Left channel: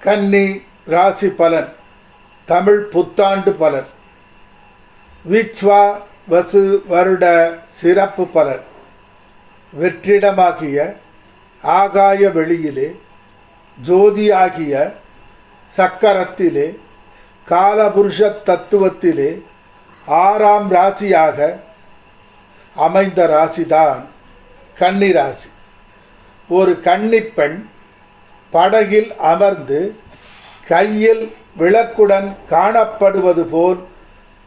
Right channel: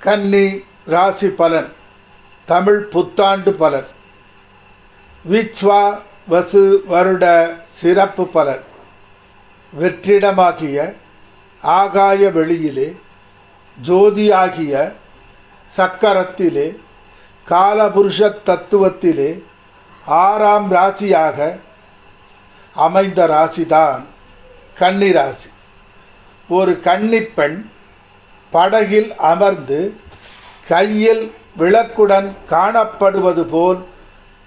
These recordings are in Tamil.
கன்னி ராசி பலன் தமிழ் புத்தாண்டு பலன் விச்வா வசு வருட சிறப்பு பலன். வெற்றிடமாகிய ஆகாய வெளியிலே ஜோதியாகிய சக்கரத்திலே காலபுருஷ தத்துவத்திலே ஆறாம் ராசியாக அமைந்த ராசிதான் கன்னி ராசி. ஒரு கன்னிப்பெண் படகில் அமர்ந்து கையில் விளக்குடன் காணப்படுவது போல்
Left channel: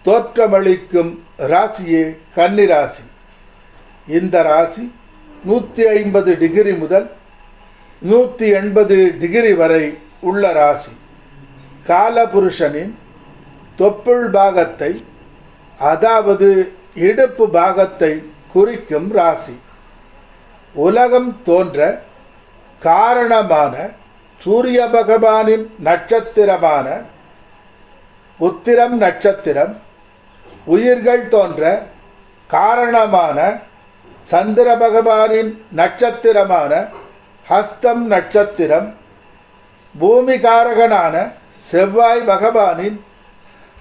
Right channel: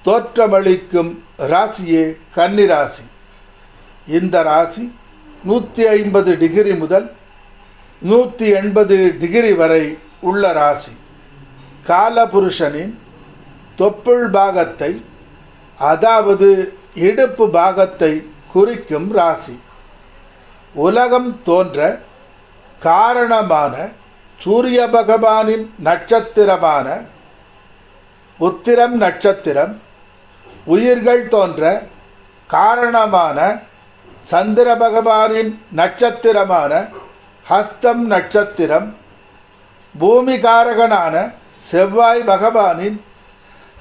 தோற்றமளிக்கும் ராசியே கன்னிராசி. இந்த ராசி நூற்றி ஐம்பது டிகிரி முதல் நூற்றி எண்பது டிகிரி வரை உள்ள ராசி. காலபுருஷனின் தொப்புள் பாகத்தை அதாவது இடுப்பு பாகத்தை குறிக்கும் ராசி. உலகம் தோன்ற காரணமான சூரிய பகவானின் நட்சத்திரமான உத்திரம் நட்சத்திரம் உயிர்கள் தோன்ற காரணமான சந்திர பகவானின் நட்சத்திரமான ஹஸ்தம் நட்சத்திரம் பூமிகாரகனான செவ்வாய் பகவானின்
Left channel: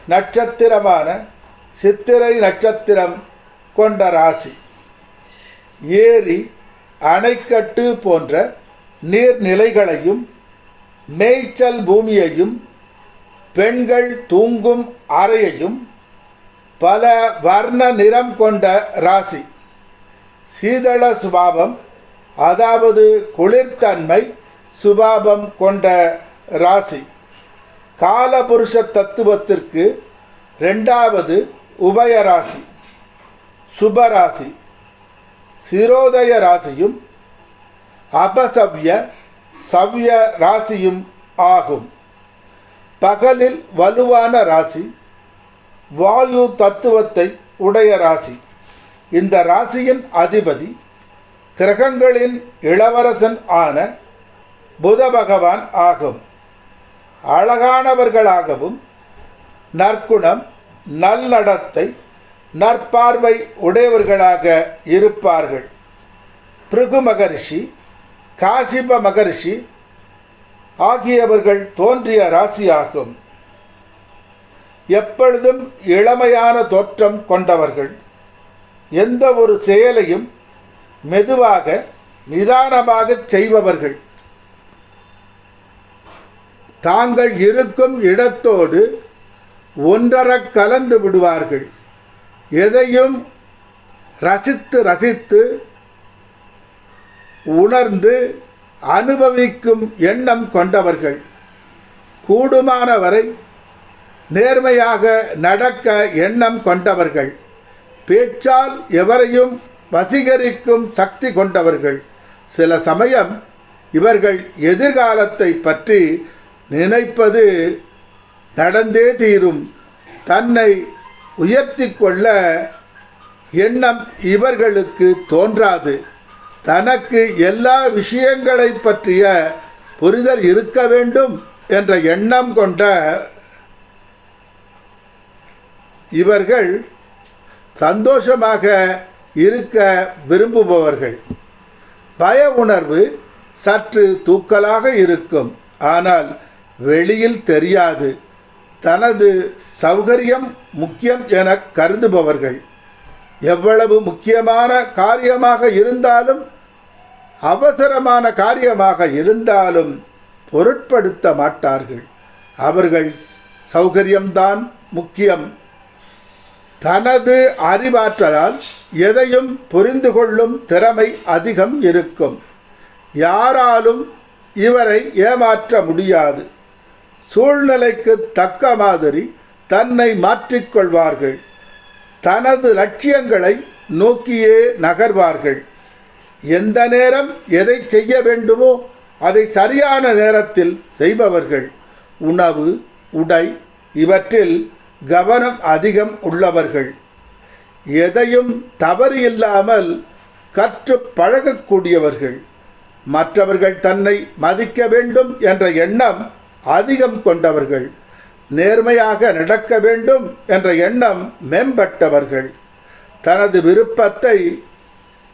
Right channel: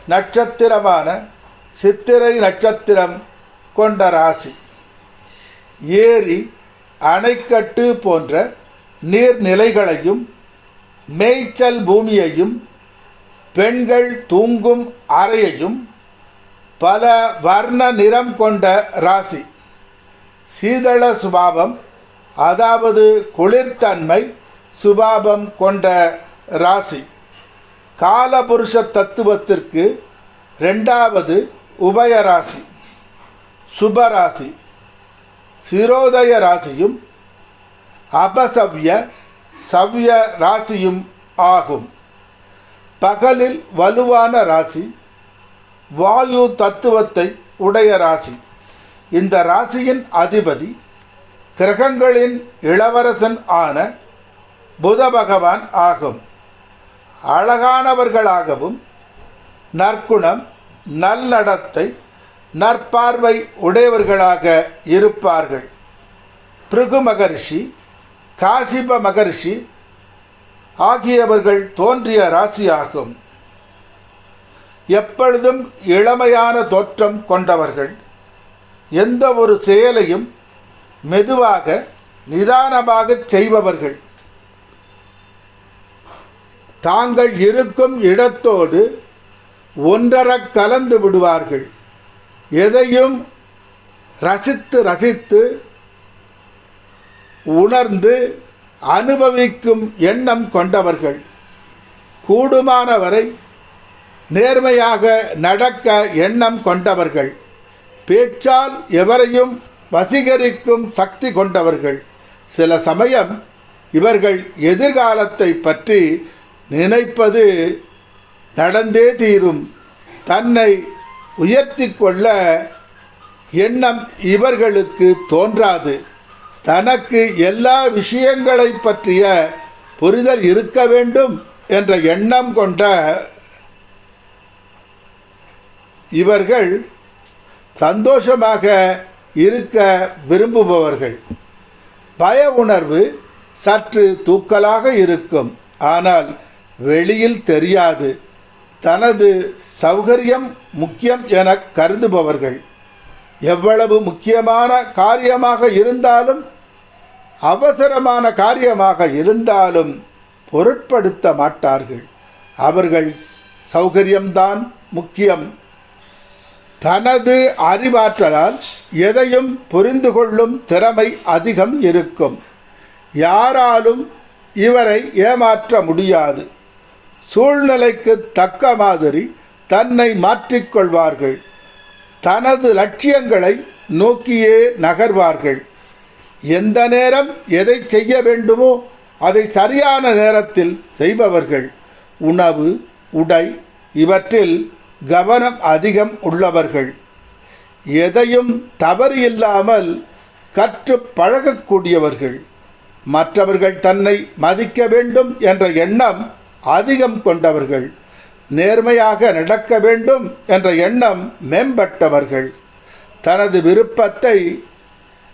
நட்சத்திரமான சித்திரை நட்சத்திரம் கொண்ட ராசி. ஏரி அணைக்கட்டு போன்ற நீர்நிலைகளையும் மேய்ச்சல் பூமியையும் பெண்கள் தூங்கும் அறையையும் பல வர்ண நிறம் கொண்ட ராசி. சீதள சுபாவம் அதாவது குளிர்தன்மை சுபாவம் கொண்ட ராசி. காலபுருஷ தத்துவத்திற்கு ரெண்டாவது உபயராசி சுபராசி சிரோதய ராசியும் அபசவ்ய சவ்ய ராசியும் ஆகும். பகலில் வலுவான ராசி வாயு தத்துவத்தை உடைய ராசி. இந்த ராசியின் அதிபதி கிரகங்களின் இளவரசன் ஆன புத பகவான் ஆகும். அழகானவர்களாகவும் நற்குணம் நல்லடத்தை நற்பார்வை உடையவர்களாக இருப்பார்கள். பிருகு மகரிஷி காசிப மகரிஷி ஆகியவர்கள் தோன்றிய ராசியாகும். எப்பொழுதும் இளமையான தோற்றம் கொண்டவர்கள் எந்த ஒரு செயலையும் மெதுவாக நிதானமாக செய்பவர்கள். தாங்கள் இருக்கும் இடத்தோடு ஒன்றரக் கலந்து விடுவார்கள். எதையும் ரசித்து ரசித்து உணர்ந்து அனுபவிக்கும் எண்ணம் கொண்டவர்கள். கூடுமானவரை நேர்மையாக நடக்க எண்ணம் கொண்டவர்கள். பேச்சால் எவரையும் வசீகரிக்கும் சக்தி கொண்டவர்கள். சில சமயம் இவர்கள் எதிர்காலத்தை பற்றி நினைப்பது நடந்தே தீரும். தன்னை உயர்த்தி கொள்ள எண்ணம் இவர்களுக்கு தோன்றாது. தனக்கு எல்லா விஷயங்களை பற்றிய புரிதல் இருக்க வேண்டும் என்ற எண்ணம் கொண்ட இவர்கள் சந்தோஷமாக இருக்க விரும்புபவர்கள். பய உணர்வு சற்று தூக்கலாக இருக்கும். ஆனால் வெளியில் தெரியாது. தனது சௌகரியம் முக்கியம் என கருதுபவர்கள். எவ்வளவு முக்கியமான காரியமாக இருந்தாலும் அவசரமான காரியமாக இருந்தாலும் பொருட்படுத்த மாட்டார்கள். அவர்கள் சௌகரியம்தான் முக்கியம். தனது அறிவாற்றலால் எதையும் புரிந்து கொள்ளும் திறமை அதிகம் இருக்கும். யாராலும் இவரை ஏமாற்ற முடியாது. சூழ்நிலைக்கு தக்க மாதிரி தன்னை மாற்றிக்கொள்வார்கள் தனது லட்சியங்களை நோக்கியே நகர்வார்கள். எந்த நேரம் எதை செய்ய வேண்டுமோ அதை சரியான நேரத்தில் செய்பவர்கள். உணவு உடை இவற்றில் கவனம் அதிகம் உள்ளவர்கள். எதையும் தவறு இல்லாமல் கற்று பழகக்கூடியவர்கள். மற்றவர்கள் தன்னை மதிக்க வேண்டும் என்ற எண்ணம் அதிகம் கொண்டவர்கள். நேர்மையாக நடக்க வேண்டும் என்ற எண்ணம் மேம்பட்டவர்கள் தனது விருப்பத்தை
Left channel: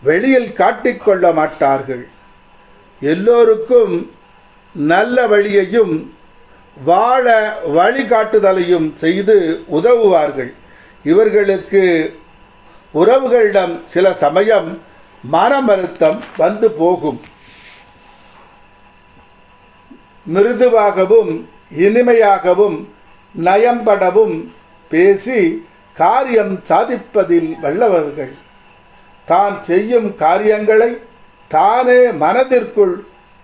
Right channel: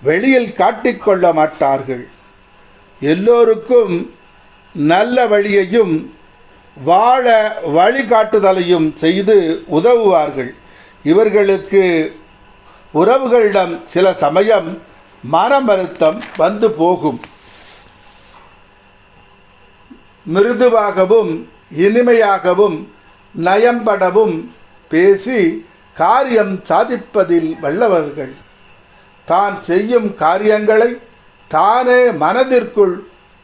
வெளியில் காட்டிக்கொள்ள மாட்டார்கள். எல்லோருக்கும் நல்ல வழியையும் வாழ வழிகாட்டுதலையும் செய்து உதவுவார்கள். இவர்களுக்கு உறவுகளிடம் சில சமயம் மனமருத்தம் வந்து போகும். மிருதுவாகவும் இனிமையாகவும் நயம்படவும் பேசி காரியம் சாதிப்பதில் வல்லவர்கள். தான் செய்யும் காரியங்களை தானே மனதிற்குள்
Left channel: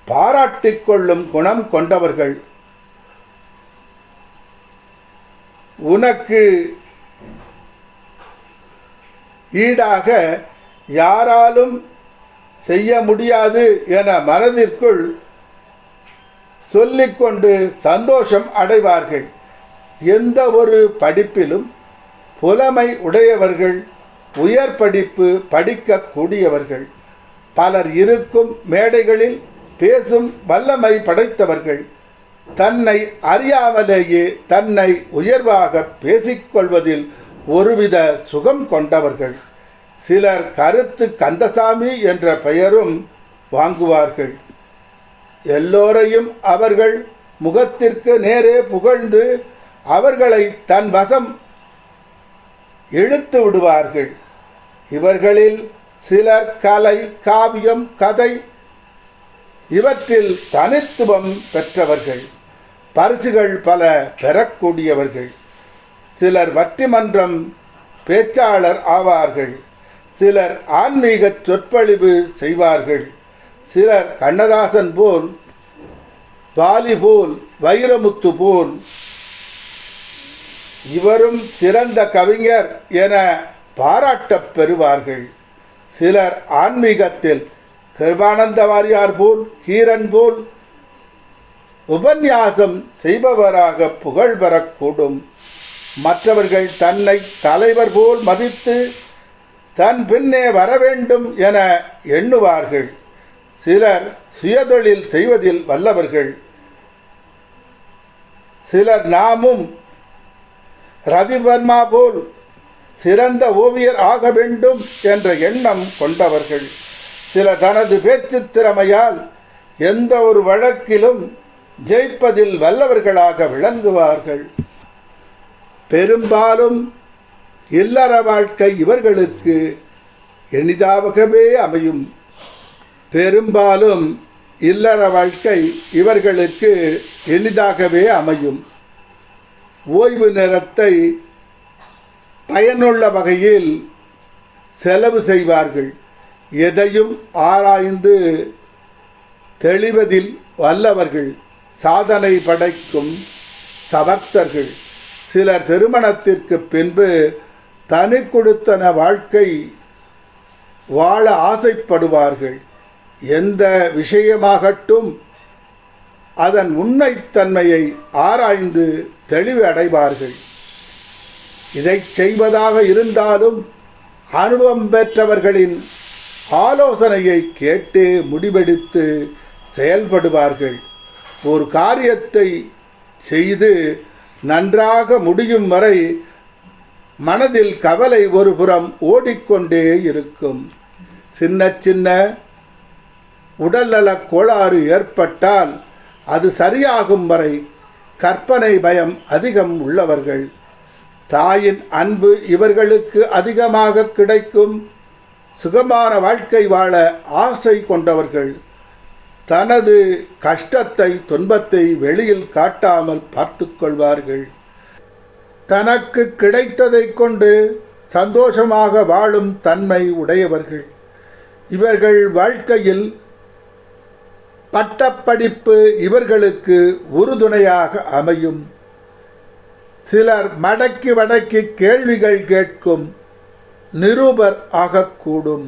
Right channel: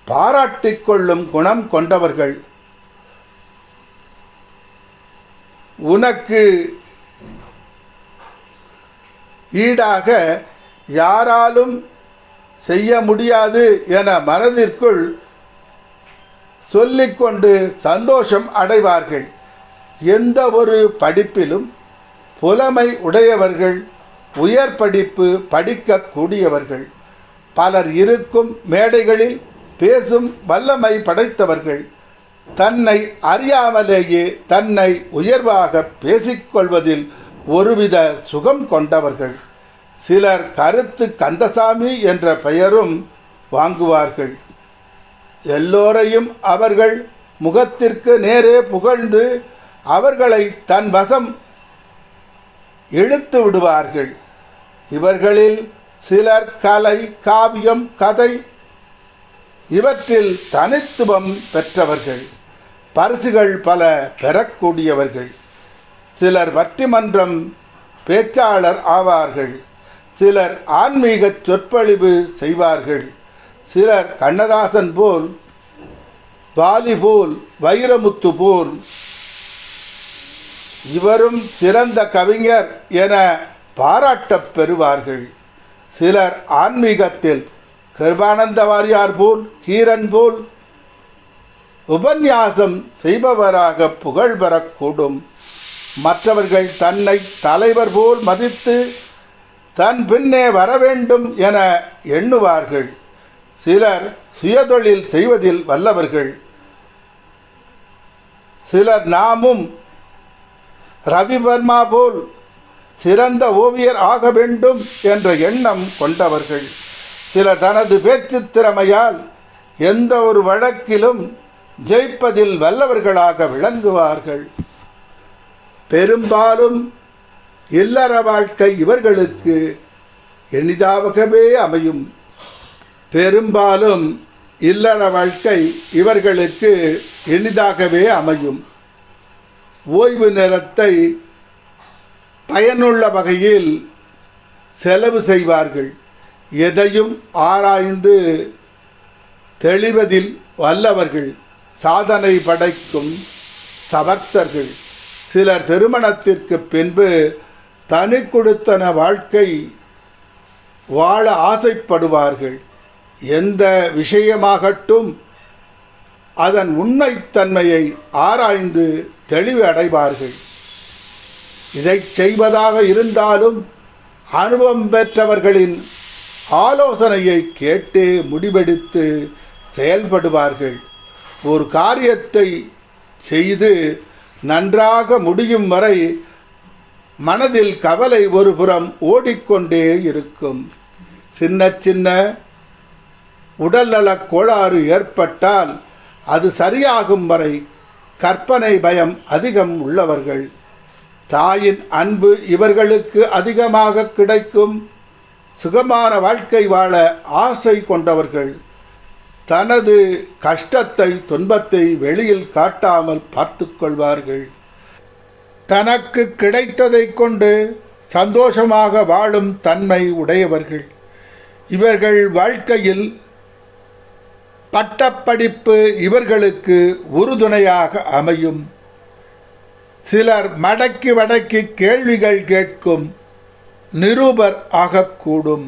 பாராட்டிக் கொள்ளும் குணம் கொண்டவர்கள். உனக்கு ஈடாக யாராலும் செய்ய முடியாது என மனதிற்குள் சொல்லிக்கொண்டு சந்தோஷம் அடைவார்கள். எந்த ஒரு படிப்பிலும் புலமை உடையவர்கள் உயர் படிப்பு படிக்கக்கூடியவர்கள் பலர் இருக்கும் மேடைகளில் பேசும் வல்லமை படைத்தவர்கள். தன்னை அறியாமலேயே தன்னை உயர்வாக பேசிக்கொள்வதில் ஒருவித சுகம் கொண்டவர்கள். சிலர் கருத்து கந்தசாமி என்ற பெயரும் வாங்குவார்கள். எல்லோரையும் அவர்கள் முகத்திற்கு நேரே புகழ்ந்து அவர்களை தன் வசம் இழுத்து விடுவார்கள். இவர்களில் சிலர் கலை காவியம் கதை இவற்றில் தனித்துவம் பெற்றவர்கள். பரிசுகள் பல பெறக்கூடியவர்கள். சிலர் வட்டிமன்றம் பேச்சாளர் ஆவார்கள். சிலர் ஆன்மீக சொற்பொழிவு செய்வார்கள். சிலர் கண்ணதாசன் போல் வாலி போல் வைரமுத்து போல் இவரும் சிறந்த கவிஞர் என பாராட்டப் பெறுவார்கள். சிலர் ஆன்மீகத்தில் கிருபானந்த வாரியார் போல் கீரன் போல் உபன்யாசம் செய்பவராக புகழ் பெறக்கூடும். மற்றவர்கள் தன்னை தலைவர் போல் மதித்து தன் பின்னே வர வேண்டும் என எண்ணுவார்கள். சிலர் சுயதொழில் செய்வதில் வல்லவர்கள். சிலர் நாமும் ரவிவர்மா போல் சிறந்த ஓவியர் ஆக வேண்டும் என்ற எண்ணம் கொண்டவர்கள். சிலர் தனது பேச்சு திறமையால் எந்த ஒரு வழக்கிலும் ஜெயிப்பதில் வல்லவர்களாக விளங்குவார்கள். பெரும்பாலும் இல்லற வாழ்க்கை இவர்களுக்கு எளிதாகவே அமையும். பெரும்பாலும் இல்லற வாழ்க்கை இவர்களுக்கு எளிதாகவே அமையும். ஓய்வு நேரத்தை பயனுள்ள வகையில் செலவு செய்வார்கள். எதையும் ஆராய்ந்து தெளிவதில் வல்லவர்கள். சாதனை படைக்கும் சபக்தர்கள். சிலர் திருமணத்திற்கு பின்பு தனி கொடுத்தன வாழ்க்கை வாழ ஆசைப்படுவார்கள். எந்த விஷயமாகட்டும் அதன் உண்மைத்தன்மையை ஆராய்ந்து தெளிவு அடைவார்கள் இதை செய்வதாக இருந்தாலும் அனுபவம் பெற்றவர்களின் ஆலோசனையை கேட்டு முடிவெடுத்து செயல்படுவார்கள். ஒரு காரியத்தை செய்து நன்றாக முடியும் வரை மனதில் கவலை ஒரு புறம் ஓடிக்கொண்டே இருக்கும். சின்ன சின்ன உடல்நலக் கோளாறு ஏற்பட்டால் அது சரியாகும் வரை கற்பனை பயம் அதிகம் உள்ளவர்கள். தாயின் அன்பு இவர்களுக்கு அதிகமாக கிடைக்கும். சுகமான வாழ்க்கை வாழ ஆசை கொண்டவர்கள். தனது கஷ்டத்தை துன்பத்தை வெளியில் காட்டாமல் பார்த்து கொள்வார்கள். தனக்கு கிடைத்ததை கொண்டு சந்தோஷமாக வாழும் தன்மை உடையவர்கள். இவர்கள் வாழ்க்கையில் பட்டப்படிப்பு இவர்களுக்கு உறுதுணையாக அமையும். சிலர் மடக்கி வடக்கி கேள்விகள் கேட்கும் நிருபர் ஆகக்கூடும்.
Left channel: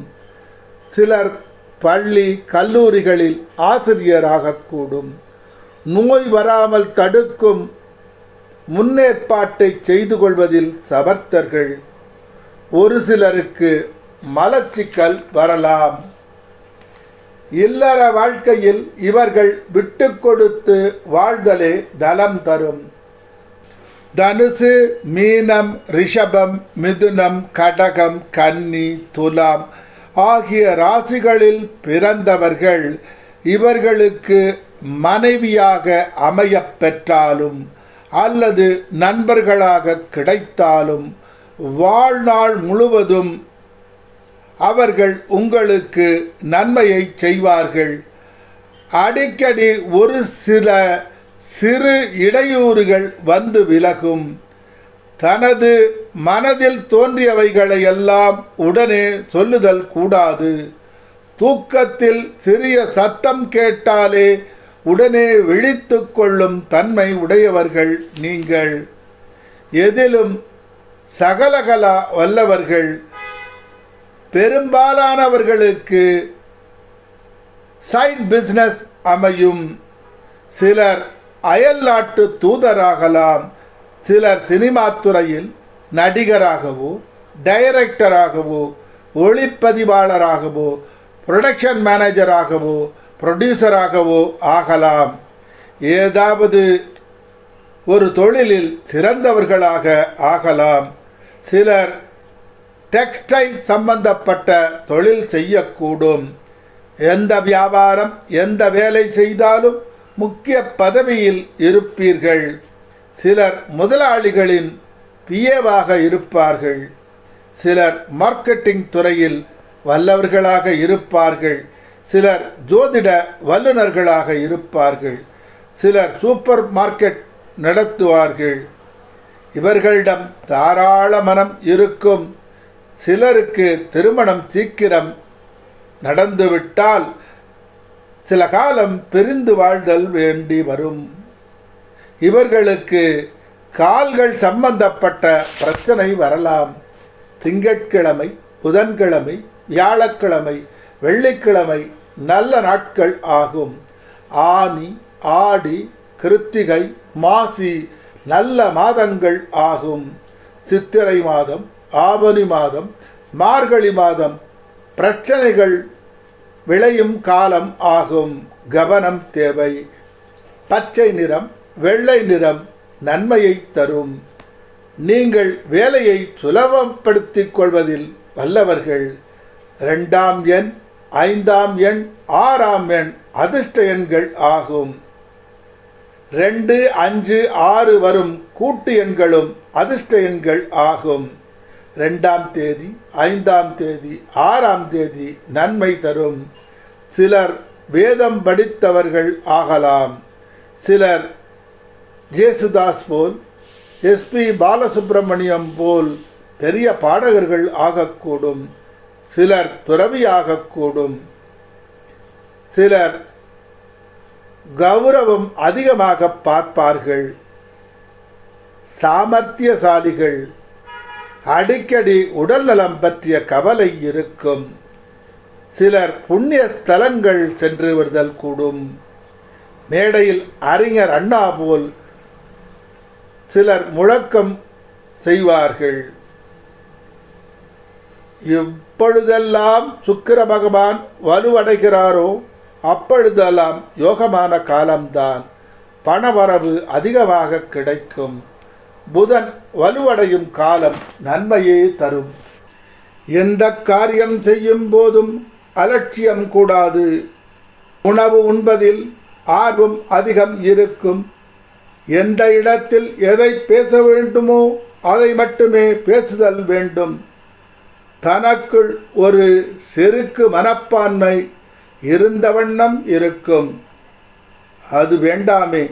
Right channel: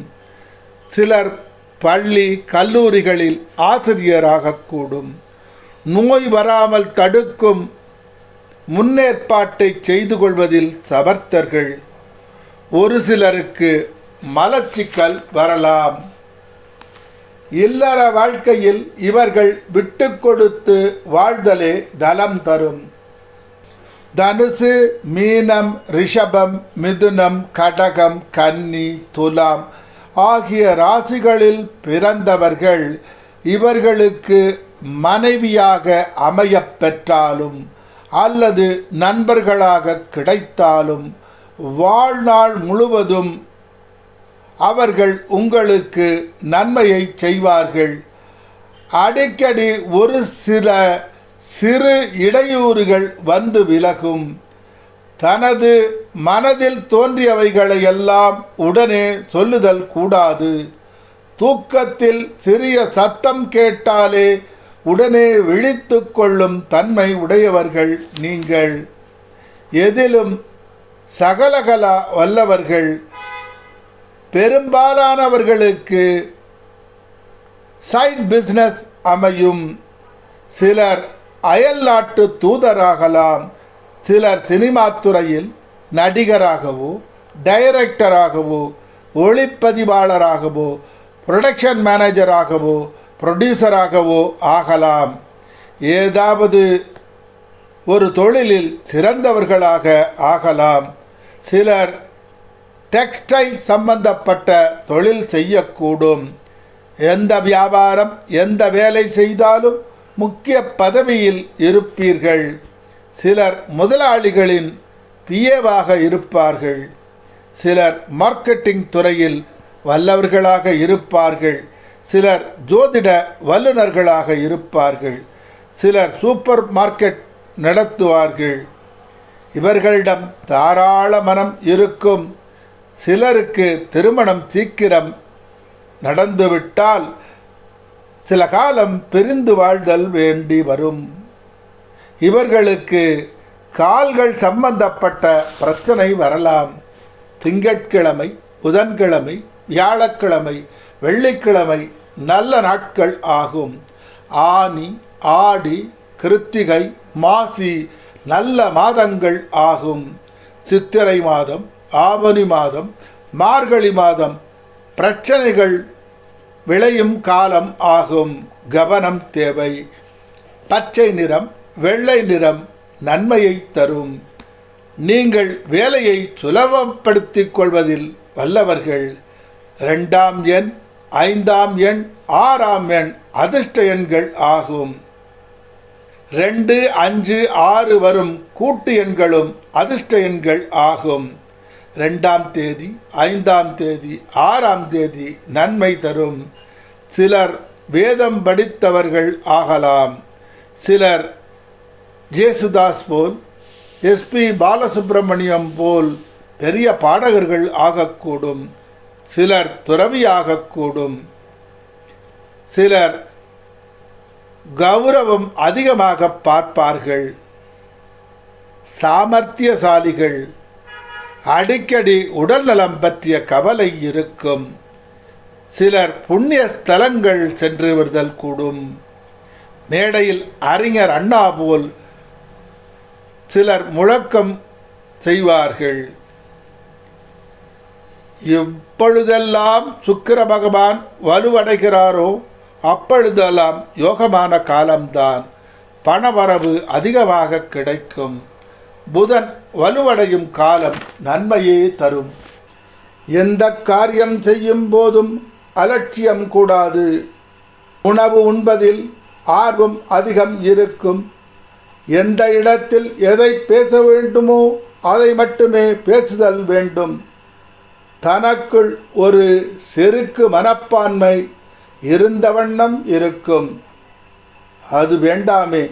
சிலர் பள்ளி கல்லூரிகளில் ஆசிரியராகக்கூடும். நோய் வராமல் தடுக்கும் முன்னேற்பாட்டை செய்து கொள்வதில் சமர்த்தர்கள். ஒரு சிலருக்கு மலச்சிக்கல் வரலாம். இல்லற வாழ்க்கையில் இவர்கள் விட்டு கொடுத்து வாழ்தலே நலம் தரும். தனுசு மீனம் ரிஷபம் மிதுனம் கடகம் கன்னி துலாம் ஆகிய ராசிகளில் பிறந்தவர்கள் இவர்களுக்கு மனைவியாக அமையப்பெற்றாலும் அல்லது நண்பர்களாக கிடைத்தாலும் வாழ்நாள் முழுவதும் அவர்கள் உங்களுக்கு நன்மையை செய்வார்கள். அடிக்கடி ஒரு சில சிறு இடையூறுகள் வந்து விலகும். தனது மனதில் தோன்றியவைகளை எல்லாம் உடனே சொல்லுதல் கூடாது. தூக்கத்தில் சிறிய சத்தம் கேட்டாலே உடனே விழித்து கொள்ளும் தன்மை உடையவர்கள் நீங்கள். எதிலும் சகலகலா வல்லவர்கள். பெரும்பாலானவர்களுக்கு சைட் பிஸ்னஸ் அமையும். சிலர் அயல் நாட்டு தூதராகலாம். சிலர் சினிமா துறையில் நடிகராகவோ டைரக்டராகவோ ஒளிப்பதிவாளராகவோ ப்ரொடக்ஷன் மேனேஜராகவோ ப்ரொடியூசராகவோ ஆகலாம். ஏதாவது ஒரு தொழிலில் சிறந்தவர்களாக ஆகலாம். சிலர் டெக்ஸ்டைல் சம்பந்தப்பட்ட தொழில் செய்யக்கூடும். எந்த வியாபாரம் எந்த வேலை செய்தாலும் முக்கிய பதவியில் இருப்பீர்கள். சிலர் முதலாளிகளின் பிஏவாக இருப்பார்கள். சிலர் மார்க்கெட்டிங் துறையில் வல்லவர்களாக இருப்பார்கள். சிலர் ஜோதிட வல்லுநர்களாக இருப்பார்கள். சிலர் சூப்பர் மார்க்கெட் நடத்துவார்கள். இவர்களிடம் தாராள மனம் இருக்கும். சிலருக்கு திருமணம் சீக்கிரம் நடந்துவிட்டால் சில காலம் பிரிந்து வாழ்தல் வேண்டி வரும். இவர்களுக்கு கால்கள் சம்பந்தப்பட்ட பிரச்சனை வரலாம். திங்கட்கிழமை புதன்கிழமை வியாழக்கிழமை வெள்ளிக்கிழமை நல்ல நாட்கள் ஆகும். ஆனி ஆடி கிருத்திகை மாசி நல்ல மாதங்கள் ஆகும். சித்திரை மாதம் ஆவணி மாதம் மார்கழி மாதம் பிரச்சனைகள் விளையும் காலம் ஆகும். கவனம் தேவை. பச்சை நிறம் வெள்ளை நிறம் நன்மையை தரும். நீங்கள் வேலையை சுலபப்படுத்திக் கொள்வதில் வல்லவர்கள். ரெண்டாம் எண் ஐந்தாம் எண் ஆறாம் எண் அதிர்ஷ்ட எண்கள் ஆகும். ரெண்டு அஞ்சு ஆறு வரும் கூட்டு எண்களும் அதிர்ஷ்ட எண்கள் ஆகும். ரெண்டாம் தேதி ஐந்தாம் தேதி ஆறாம் தேதி நன்மை தரும். சிலர் வேதம் படித்தவர்கள் ஆகலாம். சிலர் ஜேசுதாஸ் போல் எஸ்பி பாலசுப்பிரமணியம் போல் பெரிய பாடகர்கள் ஆகக்கூடும். சிலர் துறவியாகக்கூடும். சிலர் கௌரவம் அதிகமாக பார்ப்பார்கள். சாமர்த்தியசாலிகள் அடிக்கடி உடல்நலம் பற்றிய கவலை இருக்கும். சிலர் புண்ணிய ஸ்தலங்கள் சென்று விடுதல் கூடும். மேடையில் அறிஞர் அண்ணா போல் சிலர் முழக்கம் செய்வார்கள். எப்பொழுதெல்லாம் சுக்கிர பகவான் வலுவடைகிறாரோ அப்பொழுதெல்லாம் யோகமான காலம்தான். பணவரவு அதிகமாக கிடைக்கும். புதன் வலுவடையும் காலம் நன்மையே தரும். எந்த காரியம் செய்யும் போதும் அலட்சியம் கூடாது. உணவு உண்பதில் ஆர்வம் அதிகம் இருக்கும். எந்த இடத்தில் எதை பேச வேண்டுமோ அதை மட்டுமே பேசுதல் வேண்டும். தனக்குள் ஒரு செருக்கு மனப்பான்மை இருந்த வண்ணம் இருக்கும். அது வேண்டாமே.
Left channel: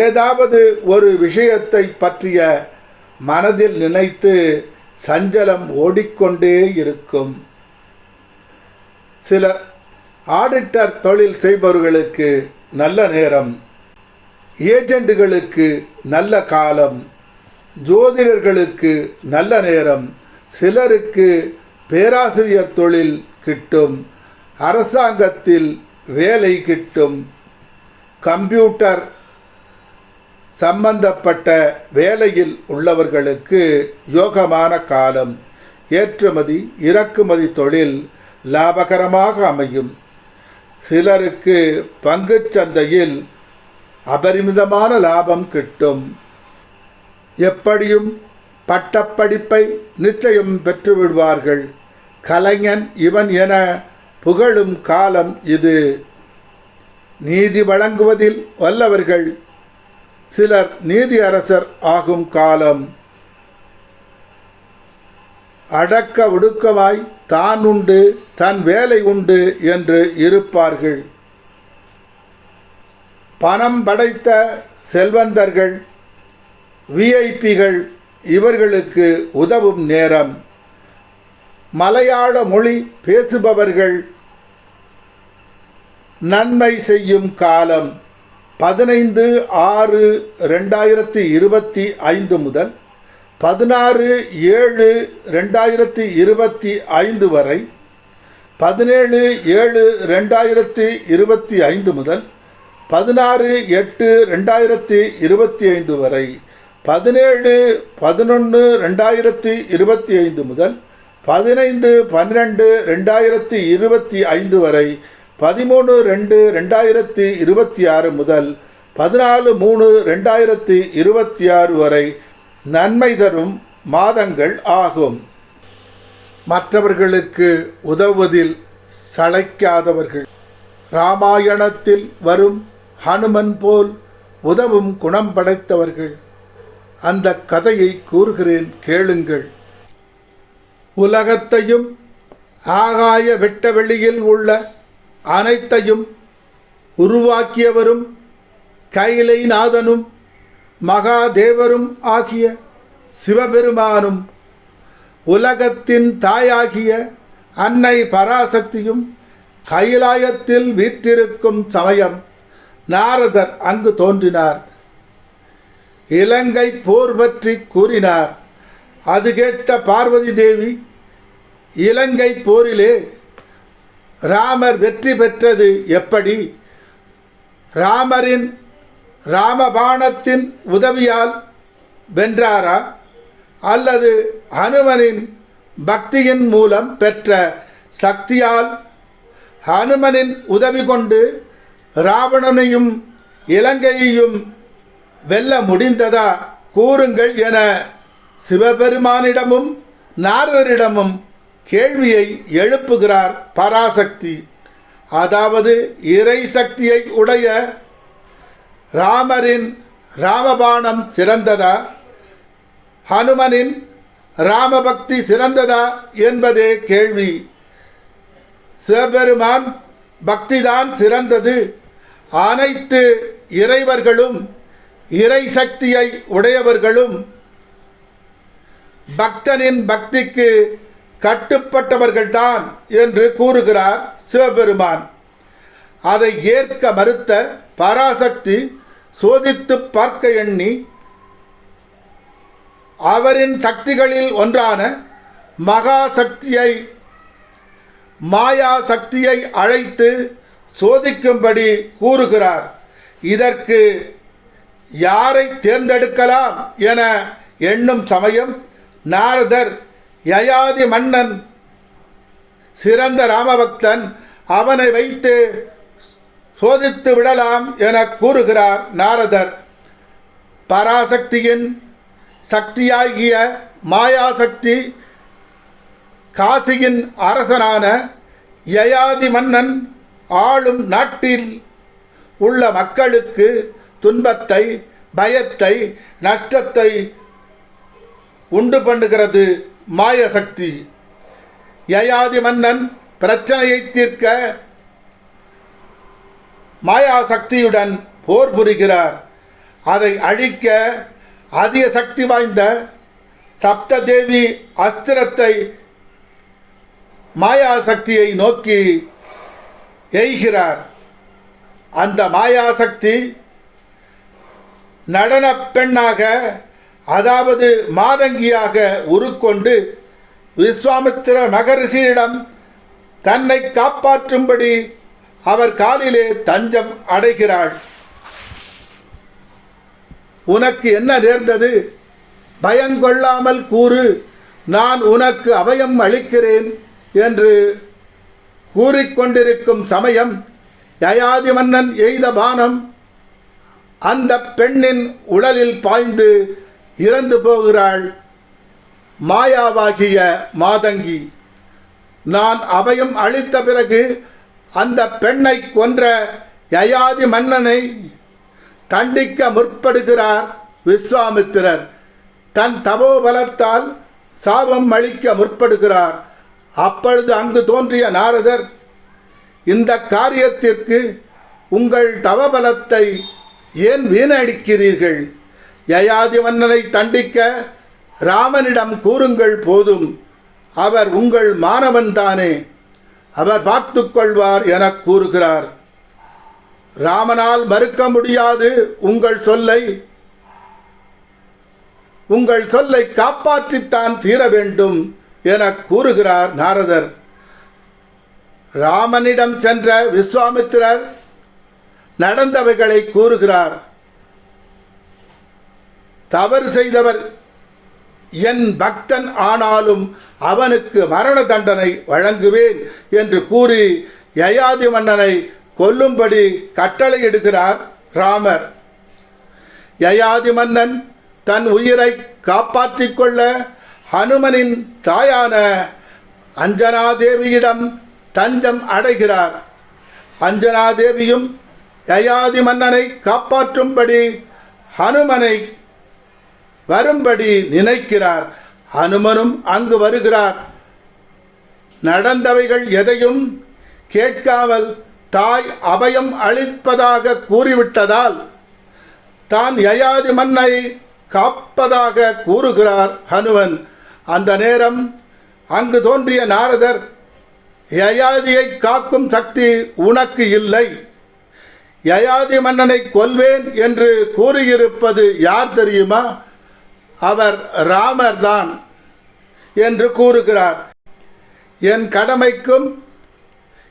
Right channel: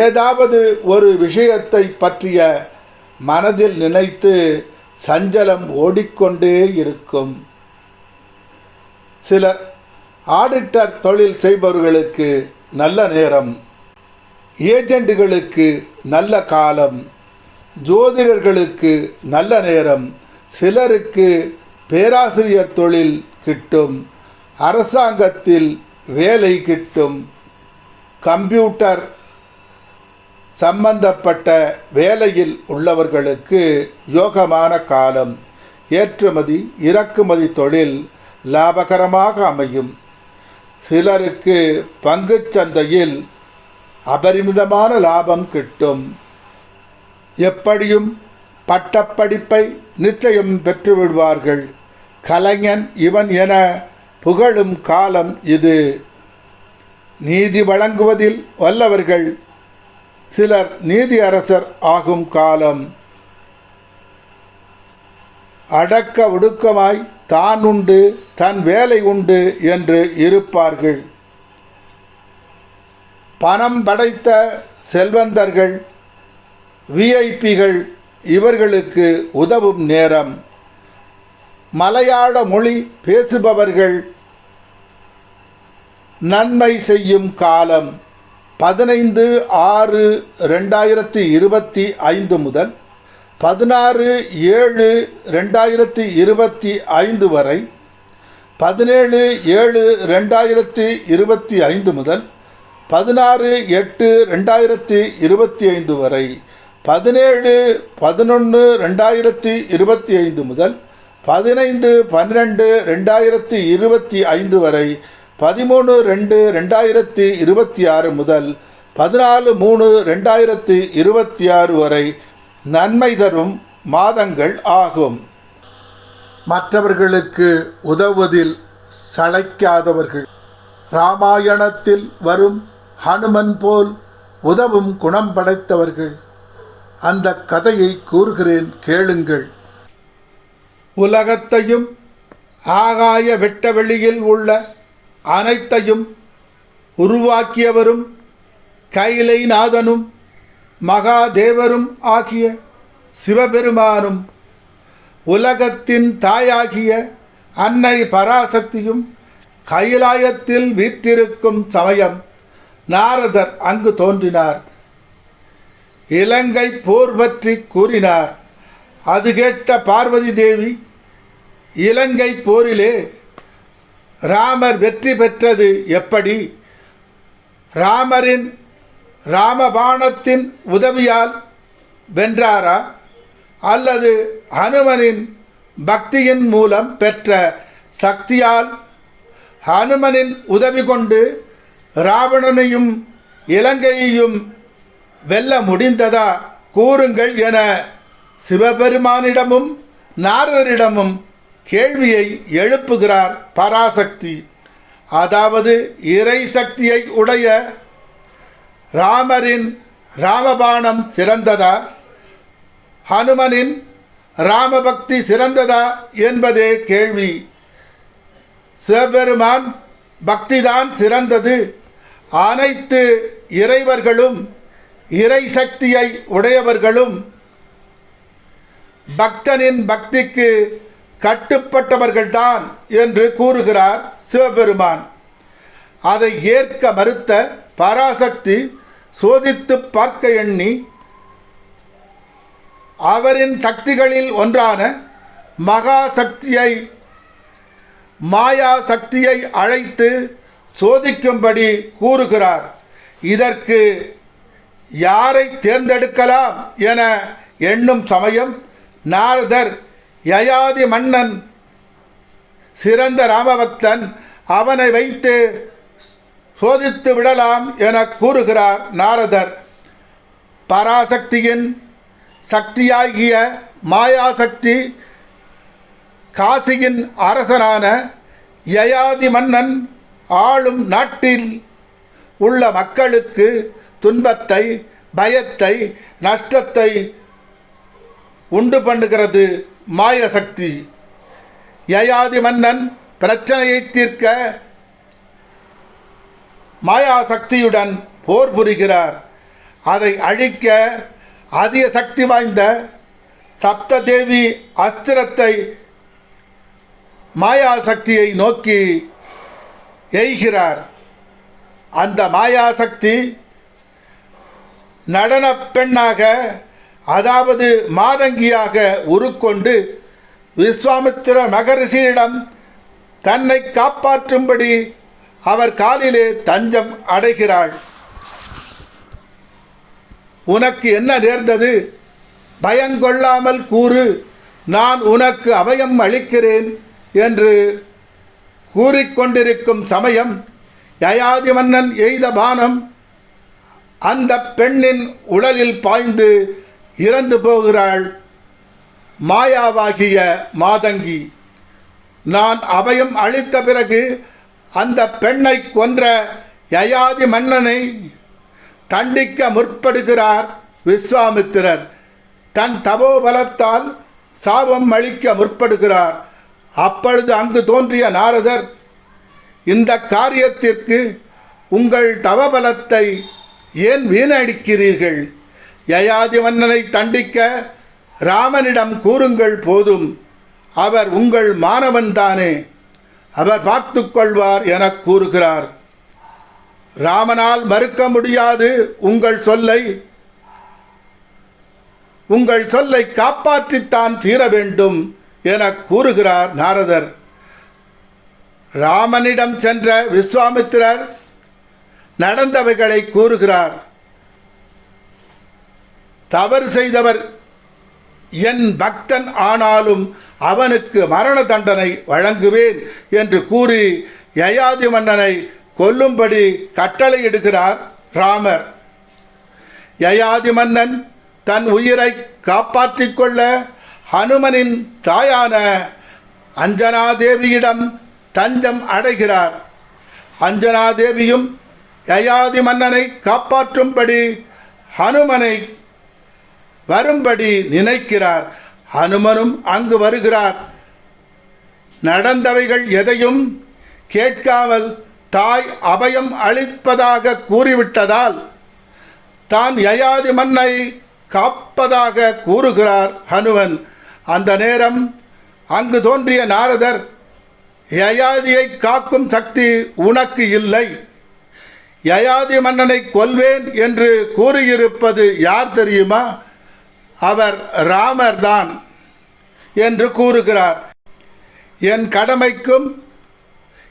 ஏதாவது ஒரு விஷயத்தை பற்றிய மனதில் நினைத்து சஞ்சலம் ஓடிக்கொண்டே இருக்கும். சிலர் ஆடிட்டர் தொழில் செய்பவர்களுக்கு நல்ல நேரம் ஏஜெண்டுகளுக்கு நல்ல காலம் ஜோதிடர்களுக்கு நல்ல நேரம் சிலருக்கு பேராசிரியர் தொழில் கிட்டும் அரசாங்கத்தில் வேலை கிட்டும் கம்ப்யூட்டர் சம்பந்தப்பட்ட வேலையில் உள்ளவர்களுக்கு யோகமான காலம் ஏற்றுமதி இறக்குமதி தொழில் லாபகரமாக அமையும். சிலருக்கு பங்குச் சந்தையில் அபரிமிதமான லாபம் கிட்டும். எப்படியும் பட்டப்படிப்பை நிச்சயம் பெற்றுவிடுவார்கள். கலைஞன் இவன் என புகழும் காலம் இது. நீதி வழங்குவதில் வல்லவர்கள் சிலர் நீதி அரசர் ஆகும் காலம். அடக்க ஒடுக்கமாய் தான் உண்டு தன் வேலை உண்டு என்று இருப்பார்கள். பணம் படைத்த செல்வந்தர்கள் விஐபிகள் இவர்களுக்கு உதவும் நேரம். மலையாள மொழி பேசுபவர்கள் நன்மை செய்யும் காலம். பதினைந்து ஆறு ரெண்டாயிரத்தி இருபத்தி ஐந்து முதல் பதினாறு ஏழு ரெண்டாயிரத்தி இருபத்தி ஐந்து வரை பதினேழு ஏழு ரெண்டாயிரத்தி இருபத்தி ஐந்து முதல் பதினாறு எட்டு ரெண்டாயிரத்தி இருபத்தி ஐந்து வரை பதினேழு பதினொன்று ரெண்டாயிரத்தி இருபத்தி ஐந்து முதல் பதினைந்து பன்னிரெண்டு ரெண்டாயிரத்தி இருபத்தி ஐந்து வரை பதிமூணு ரெண்டு ரெண்டாயிரத்தி இருபத்தி ஆறு முதல் பதினாலு மூணு ரெண்டாயிரத்தி இருபத்தி ஆறு வரை நன்மை தரும் மாதங்கள் ஆகும். மற்றவர்களுக்கு உதவுவதில் சளைக்காதவர்கள். ராமாயணத்தில் வரும் ஹனுமன் போல் உதவும் குணம் படைத்தவர்கள். அந்த கதையை கூறுகிறேன் கேளுங்கள். உலகத்தையும் ஆகாய வெட்டவெளியில் உள்ள அனைத்தையும் உருவாக்கியவரும் கைலைநாதனும் மகாதேவரும் ஆகிய சிவபெருமானும் உலகத்தின் தாயாகிய அன்னை பராசக்தியும் கைலாயத்தில் வீற்றிருக்கும் சமயம் நாரதர் அங்கு தோன்றினார். இலங்கை போர் பற்றி கூறினார். அது கேட்ட பார்வதி தேவி இலங்கை போரிலே ராமர் வெற்றி பெற்றது எப்படி? ராமரின் ராமபாணத்தின் உதவியால் வென்றாரா? அல்லது ஹனுமனின் பக்தியின் மூலம் பெற்ற சக்தியால் ஹனுமனின் உதவி கொண்டு ராவணனையும் இலங்கையையும் வெல்ல முடிந்ததா? கூறுங்கள் என சிவபெருமானிடமும் நாரதரிடமும் கேள்வியை எழுப்புகிறார் பராசக்தி. அதாவது இறை சக்தியை உடைய ராமரின் ராமபாணம் சிறந்ததா? ஹனுமனின் ராமபக்தி சிறந்ததா என்பதே கேள்வி. சிவபெருமான் பக்திதான் சிறந்தது. அனைத்து இறைவர்களும் இறை சக்தியை உடையவர்களும் பக்தனின் பக்திக்கு கட்டுப்பட்டவர்கள்தான் என்று கூறுகிறார் சிவபெருமான். அதை ஏற்க மறுத்த பராசக்தி சோதித்து பார்க்க எண்ணி அவரின் சக்திகளில் ஒன்றான மகா சக்தியை மாயா சக்தியை அழைத்து சோதிக்கும்படி கூறுகிறார். இதற்கு யாரை தேர்ந்தெடுக்கலாம் என எண்ணும் சமயம் நாரதர் யயாதி மன்னன் சிறந்த ராமபக்தன் அவனை வைத்து சோதித்து விடலாம் என கூறுகிறார் நாரதர். பராசக்தியின் சக்தியாகிய மாயாசக்தி காசியின் அரசனான யயாதி மன்னன் ஆளும் நாட்டில் உள்ள மக்களுக்கு துன்பத்தை பயத்தை நஷ்டத்தை உண்டு பண்ணுகிறது மாயசக்தி யயாதி மன்னன் பிரச்சனையை தீர்க்க மாயாசக்தியுடன் போர் புரிகிறார். அதை அழிக்க அதிக சக்தி வாய்ந்த சப்ததேவி அஸ்திரத்தை மாயாசக்தியை நோக்கி எய்கிறார். அந்த மாயாசக்தி நடனப் பெண்ணாக அதாவது மாதங்கியாக உருக்கொண்டு விஸ்வாமித்திர மகரிஷியிடம் தன்னை காப்பாற்றும்படி அவர் காலிலே தஞ்சம் அடைகிறாள். உனக்கு என்ன நேர்ந்தது? பயங்கொள்ளாமல் கூறு நான் உனக்கு அபயம் அளிக்கிறேன் என்று கூறிக்கொண்டிருக்கும் சமயம் யயாதி மன்னன் எய்த பானம் அந்த பெண்ணின் உடலில் பாய்ந்து இறந்து போகிறாள் மாயாவாகிய மாதங்கி. நான் அபயம் அளித்த பிறகு அந்த பெண்ணை கொன்ற யயாதி மன்னனை தண்டிக்க முற்படுகிறார் விஸ்வாமித்திரர். தன் தபோபலத்தால் சாபம் அளிக்க முற்படுகிறார். அப்பொழுது அங்கு தோன்றிய நாரதர் இந்த காரியத்திற்கு உங்கள் தவபலத்தை ஏன் வீணடிக்கிறீர்கள்? யயாதி மன்னனை தண்டிக்க ராமனிடம் கூறுங்கள் போதும். அவர் உங்கள் மாணவன்தானே அவர் பார்த்து கொள்வார் என கூறுகிறார். ராமனால் மறுக்க முடியாது உங்கள் சொல்லை. உங்கள் சொல்லை காப்பாற்றித்தான் தீர வேண்டும் என கூறுகிறார் நாரதர். ராமனிடம் சென்ற விஸ்வாமித்திரர் நடந்தவைகளை கூறுகிறார். தவறு செய்தவர். என் பக்தன் ஆனாலும் அவனுக்கு மரண தண்டனை வழங்குவேன் என்று கூறி யயாதி மன்னனை கொல்லும்படி கட்டளையிடுகிறார் ராமர். யயாதி மன்னன் தன் உயிரை காப்பாற்றிக் கொள்ள ஹனுமனின் தாயான அஞ்சனாதேவியிடம் தஞ்சம் அடைகிறார். அஞ்சனாதேவியும் யயாதி மன்னனை காப்பாற்றும்படி ஹனுமனை வரும்படி நினைக்கிறார். அனுமனும் அங்கு வருகிறார். நடந்தவைகள் எதையும் கேட்காமல் தாய் அபயம் அளிப்பதாக கூறிவிட்டதால் தான் யயாதி மன்னை காப்பதாக கூறுகிறார் ஹனுமன். அந்த நேரம் அங்கு தோன்றிய நாரதர் யயாதியை காக்கும் சக்தி உனக்கு இல்லை. யயாதி மன்னனை கொல்வேன் என்று கூறியிருப்பது யார் தெரியுமா? அவர் ராமர்தான் என்று கூறுகிறார். என் கடமைக்கும்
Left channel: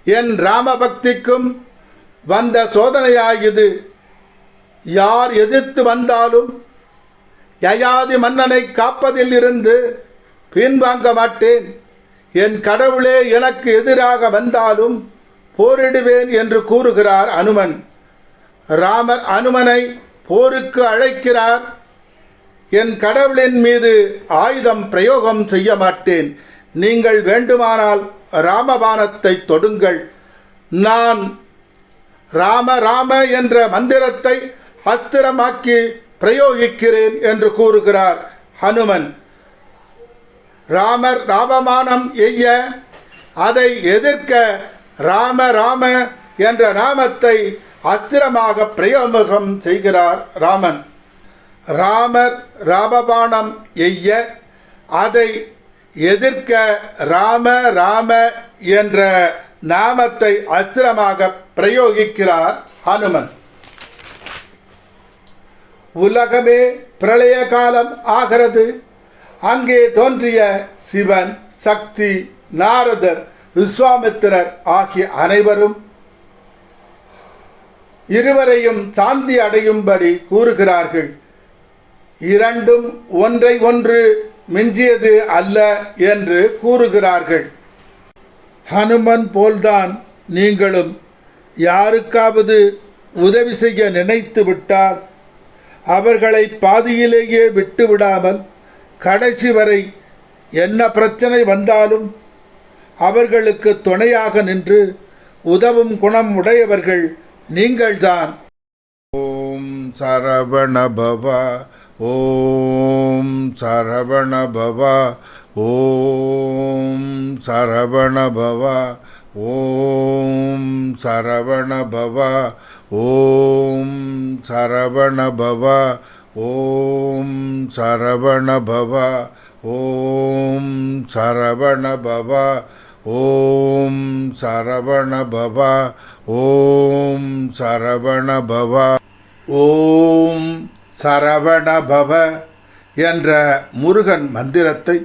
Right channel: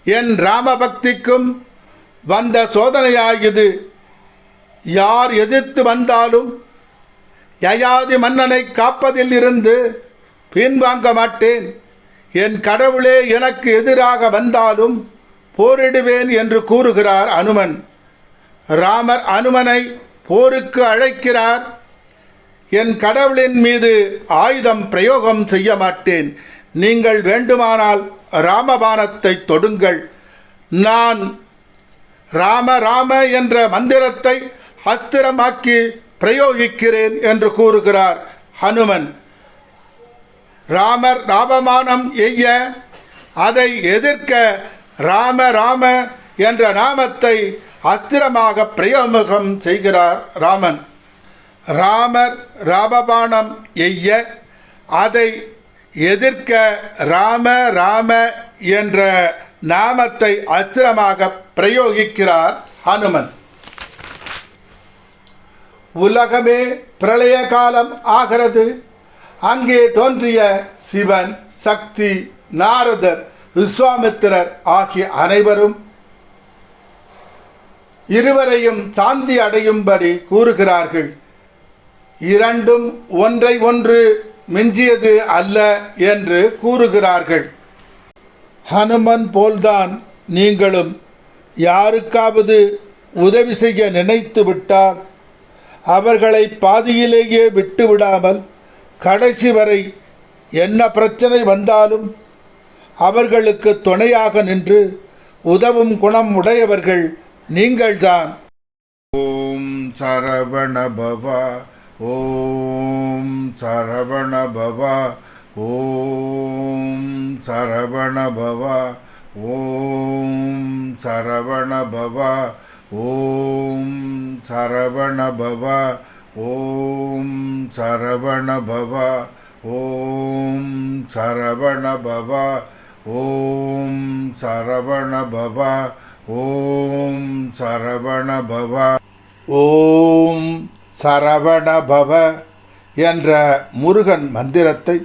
என் ராமபக்திக்கும் வந்த சோதனையாகியது யார் எதிர்த்து வந்தாலும் யயாதி மன்னனை காப்பதில் இருந்து பின்வாங்க மாட்டேன். என் கடவுளே எனக்கு எதிராக வந்தாலும் போரிடுவேன் என்று கூறுகிறார் அனுமன். ராமர் அனுமனை போருக்கு அழைக்கிறார். என் கடவுளின் மீது ஆயுதம் பிரயோகம் செய்ய மாட்டேன். நீங்கள் வேண்டுமானால் ராமபானத்தை தொடுங்கள். நான் ராம ராம என்ற மந்திரத்தை அஸ்திரமாக்கி பிரயோகிக்கிறேன் என்று கூறுகிறார் ஹனுமன். ராமர் ராமமானம் எய்ய அதை எதிர்க்க ராம ராம என்ற நாமத்தை அஸ்திரமாக பிரயோகம் செய்கிறார் ராமன். ராமர் ராமபாணம் எய்ய அதை எதிர்க்க ராம ராம என்ற நாமத்தை அஸ்திரமாக பிரயோகிக்கிறார் ஹனுமன். உலகமே பிரளய காலம் ஆகிறது. அங்கே தோன்றிய சிவன் சக்தி நாரதர் விஸ்வாமித்திரர் ஆகிய அனைவரும் இருவரையும் சாந்தி அடையும்படி கூறுகிறார்கள். இரண்டும் ஒன்றை ஒன்று மிஞ்சியது அல்ல என்று கூறுகிறார்கள். ஹனுமன் போல்தான் நீங்களும் யாருக்காவது உதவி செய்ய நினைத்து விட்டால் அவர்களை பாதியிலேயே விட்டுவிடாமல் கடைசி வரை என்ன பிரச்சனை வந்தாலும் அவர்களுக்கு துணையாக நின்று உதவும் குணம் உடையவர்கள் நீங்கள்தான். ஓம் சரவண ॐ सरवण भव, ॐ सरवण भव, ॐ सरवण भव, ॐ सरवण भव, ॐ सरवण भव, ॐ सरवण भव, ॐ सरवण भव, ॐ सरवण भव। ॐ சரவணபவ என்ற முருகன் மந்திரத்தை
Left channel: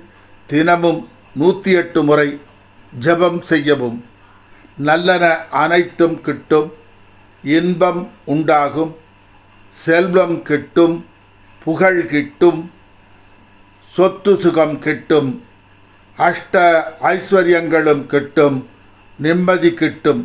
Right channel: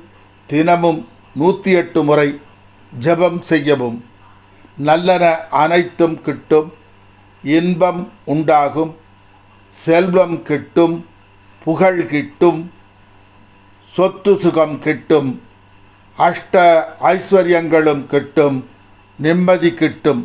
தினமும் நூற்றி எட்டு முறை ஜெபம் செய்யவும் நல்லன அனைத்தும் கிட்டும் இன்பம் உண்டாகும் செல்வம் கிட்டும் புகழ் கிட்டும் சொத்து சுகம் கிட்டும் அஷ்ட ஐஸ்வர்யங்களும் கிட்டும் நிம்மதி கிட்டும்.